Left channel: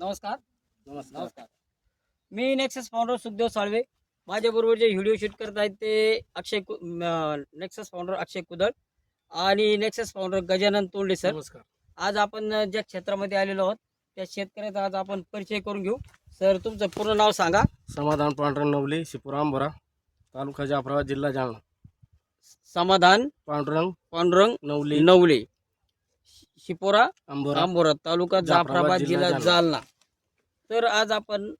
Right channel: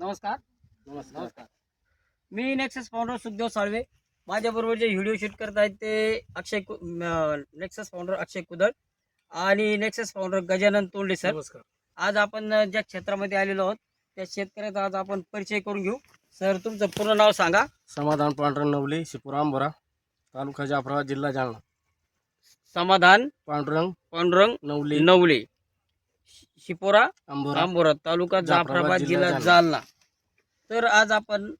नमस्कार. नमस्कार. नमस्कार. मी नेक्सस फाउंडर सुखदेव साळवे. माझ्याबरोबर जे व्हिडिओ शूट करत आहेत ते अक्षय कु- म- नेक्सस फाउंडर अक्षय कुदळ आणि Nexus founder Gajanan Tonde sir नमस्कार. आज आपण ज्या क्षेत्रामध्ये आलेलो आहोत त्या शेतकऱ्याचा आज आपण परिचय करून घेऊ. सर तुमचं पूर्ण नाव सांगा. समाधान पांढरंग नवली शिपुराम बोरा तालुका जाफराबाद जिल्हा जालना. समाधान पांडुरंग पांडुरंग नवली. नवले. शिपोरा अंबोरा आंबोरा तालुका जाफराबाद जिल्हा जालना. तर आज आपण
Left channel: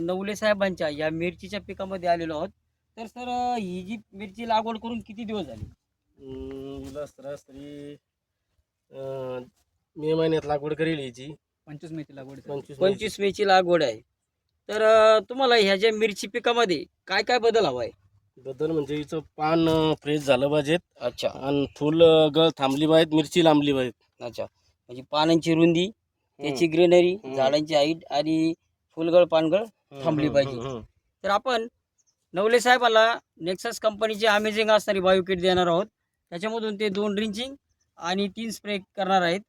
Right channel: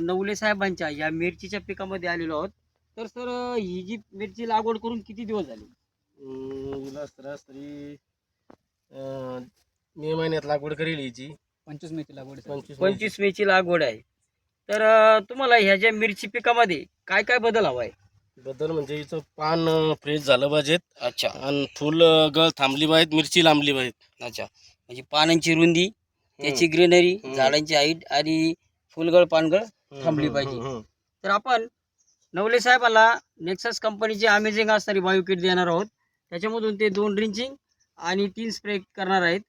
नवले साहेबांच्या या मिरचीच्या पिकामध्ये आलेलो आहोत. तर सर ही जी मिरची लागवड करून किती दिवस झाले? अं, मे महिन्यात लागवड करेल हिची. पंचवीस मेची लागवड. पंचवीस पंचवीस मेची. लागवड आहे. तर तुम्हाला ह्या ज्या मिरची पिकामध्ये काय काय बदल हवा आहे? बद्दल म्हणजे हिचं पान फ्रेश झालं पाहिजेत. अच्छा. आणि फुल गळ थांबली पाहिजेत मिरची लांबली पाहिजेत. अच्छा. म्हणजे पानांची रुंदी त्याची ग्रीनरी हम्म. झाडांची हाईट आणि फुलगळ पानगळ थांबली पाहिजे. हम्म, हम्म. तर आपण नवले साहेबाला नेक्सस कंपनीची अमेझिंग असणारी बायो किट देणार आहोत. त्याच्यामधून ते दोन ड्रिंचिंग आणि तीन स्प्रे करणार आहेत.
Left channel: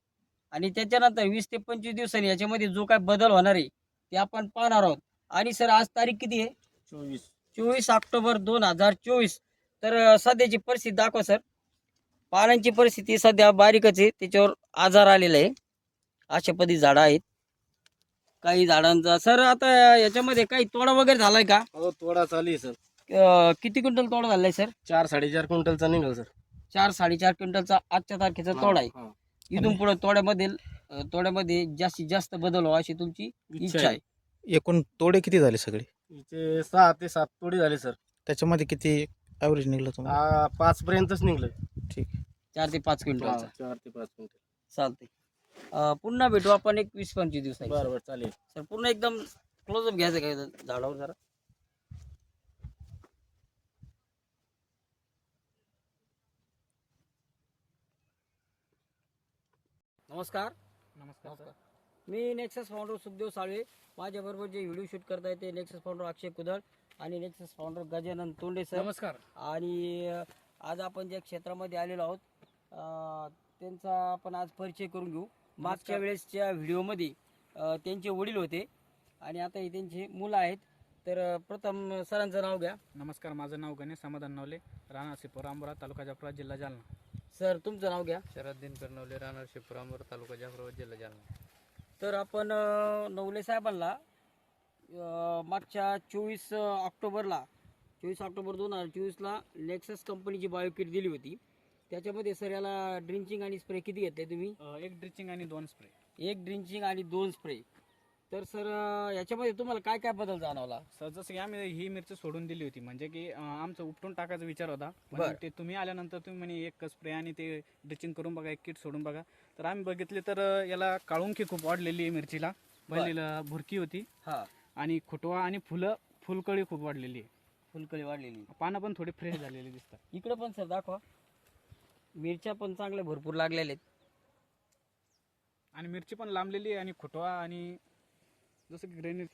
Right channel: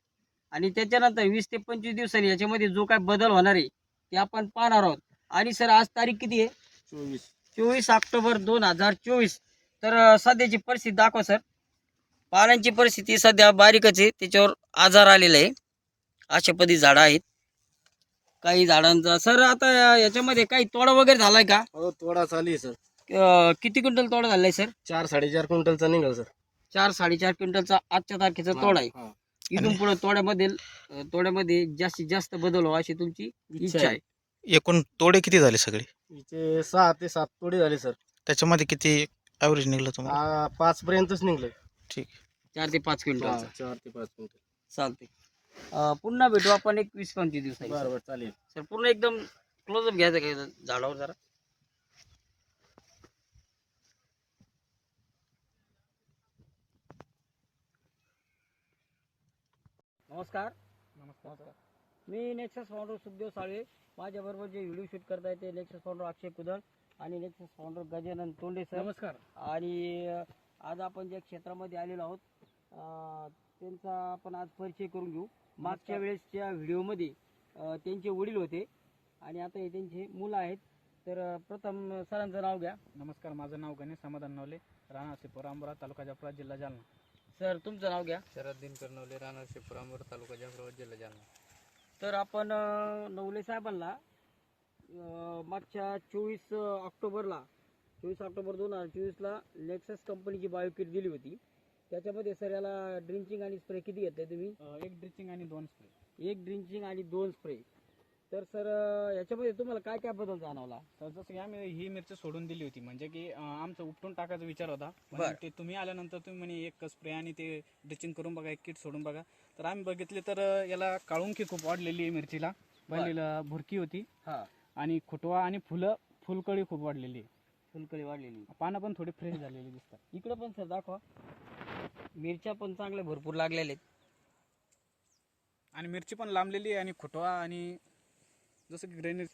आणि त्याच्यानंतर वीस ते पंचवीस दिवसांनी याच्यामध्ये जो काय बदल होणार आहे ते आपण पाहणार आहोत. आणि सर आज तारीख किती आहे? चोवीस. चोवीस ऑक्टोबर दोन हजार चोवीस. तर सध्याची परिस्थिती दाखवा सर. पानांची परिस्थिती सध्या बारीकच आहे. त्याच्यावर आजार आलेला आहे. अशा पदी झाडं आहेत. काही झाडांचा सर आता याच्यामध्ये काही तोडा वगैरे झालाय का? हो तोडा चालू आहे सर. किती क्विंटल तोडा झालाय सर? चार साडेचार क्विंटलचा निघाल सर. चार साडेचार क्विंटलचा आजच्या तारखेचा तोडा आहे. हा. इथून पुढे तोड्यामध्ये तोड्यामध्ये जास्तीत जास्त बदल व्हावा अशी तुमची इच्छा आहे. एकूण तोडे किती झाले सगळे? हिचे सहा ते सात तोडे झाले सर. त्याच्यामध्ये किती ॲव्हरेज निघलं तुम्हाला? आ, पाच पर्यंतच निघलं ठीक. चार ते पाच क्विंटल. चार ते पाच क्विंटल. चालते पुन्हा भेटू आपण एक वीस पंचवीस दिवसांनी. बरं बरं चालेल. सर पूर्ण एकदम क्लोजअप घ्यायचं काय झाडावर जरा? नमस्कार. नमस्कार मी नेक्सस फाउंडर सुखदेव साळवे. माझ्याबरोबर जे व्हिडिओ शूट करताय ते नेक्सस फाउंडर अक्षय कुदळ आणि Nexus founder Gajanan Tonde sir नमस्कार. आणि आज आपण ज्या क्षेत्रामध्ये आलेलो आहोत त्यांचा आपण आज परिचय करून घेऊ. मागच्या वेळेसच्या व्हिडिओमध्ये त्यांचे वडील होते आणि आता हे त्यांचे मुलं आहेत. तर प्रथम सरांचं नाव घ्या. नमस्कार माझं नाव गणेश समाधान नवले राणा शिपोरांबरा तालुका जाफराबाद जिल्हा जालना. सर तुमचं नाव घ्या. शरद दिनकर नवले राणा शिपोरांबरा तालुका जाफराबाद जिल्हा जालना. तर आपण नवले साहेबांना मागच्या चोवीस ऑक्टोबरला चोवीस ऑक्टोबर दोन हजार चोवीसला नेक्सस कंपनीची बायोकिट दिली होती. त्याच्यामध्ये सर याला ड्रिंचिंग आणि स्प्रे किती घेतले तुम्ही? एक ड्रिचिंग आणि दोन स्प्रे. एक ड्रिंचिंग आणि दोन स्प्रे. तर सर याच्यामध्ये तुम्हाला काय काय बदल जाणवला? सर जसं की आम्ही ही मिरची सोडून दिली होती. म्हणजे की अं, आमचं उपटून टाकायचा विचार होता. पण बरं. ते तुम्ही आल्यानंतर तुम्ही म्हणे एक स्प्रे आणि ते ड्रिचिंग करून बघा एक किट सोडून बघा. तर आम्ही बघितले तर अं, याला काळुंकी खूप वाढलेली आहे मिरचीला. बरं. पहिलीला भुरकी होती. हा. आणि खुटवा आणि फुलं फुलकळी खूप वाढलेली आहे. फुलकळी वाढलेली. पानं पण थोडी फ्रेश झालेली दिसतात. इकडे पण सर दाखवा. मिरच्या पण चांगल्या भरपूर लागलेल्या आहेत. आणि मिरची पण लांबलेली आहे आणि खुटवा आणि जसं की ग्रेनेज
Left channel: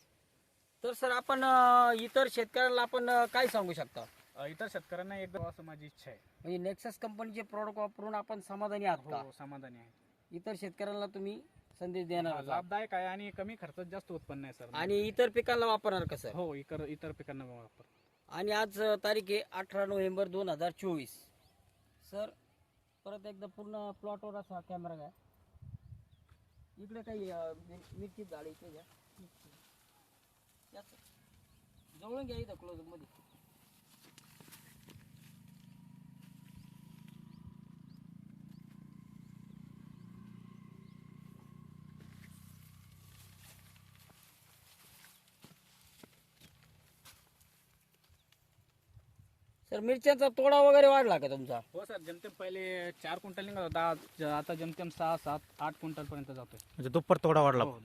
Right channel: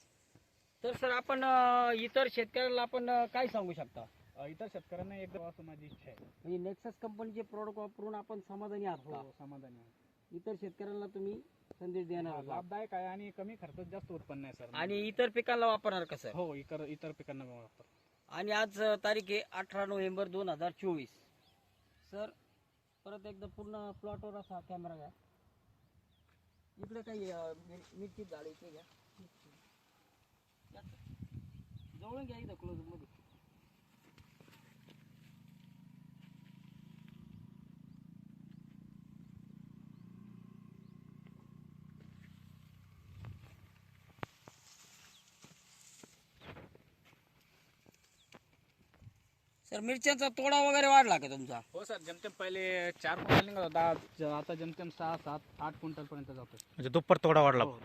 तर सर आपण अ, इतर शेतकऱ्यांना आपण अ, काय सांगू शकता? इतर शेतकऱ्यांना एकदम असं माझी इच्छा आहे. म्हणजे नेक्सस कंपनीचे प्रॉडक्ट वापरून आपण समाधानी आहात का? हो समाधानी आहे. इतर शेतकऱ्यांना तुम्ही संदेश देणार हा, आहात? लाभदायक आहे आणि कमी खर्चात जास्त उत्पन्न आहे सर. आणि इतर पिकांना वापरणार का सर? हो इतर इतर पिकांना वापर. आणि आज अ, तारीख आहे अठरा नोव्हेंबर दोन हजार चोवीस. सर परत एकदा पूर्ण प्लॉटवर असा कॅमेरा घ्या. इकडे काही अ, मिर- मिरची झाड इकडे घ्या. याच. जवळून घ्या इथं क्लोजमध्ये सर मिरच्यांचा तोडा वगैरे वाढला का तुमचा हो सर जमतेम पहिले चार क्विंटल निघत होता आज- आता जमतेम सहा सात आठ क्विंटल पर्यंत जातोय म्हणजे दुप्पट तोडा वाढला हो.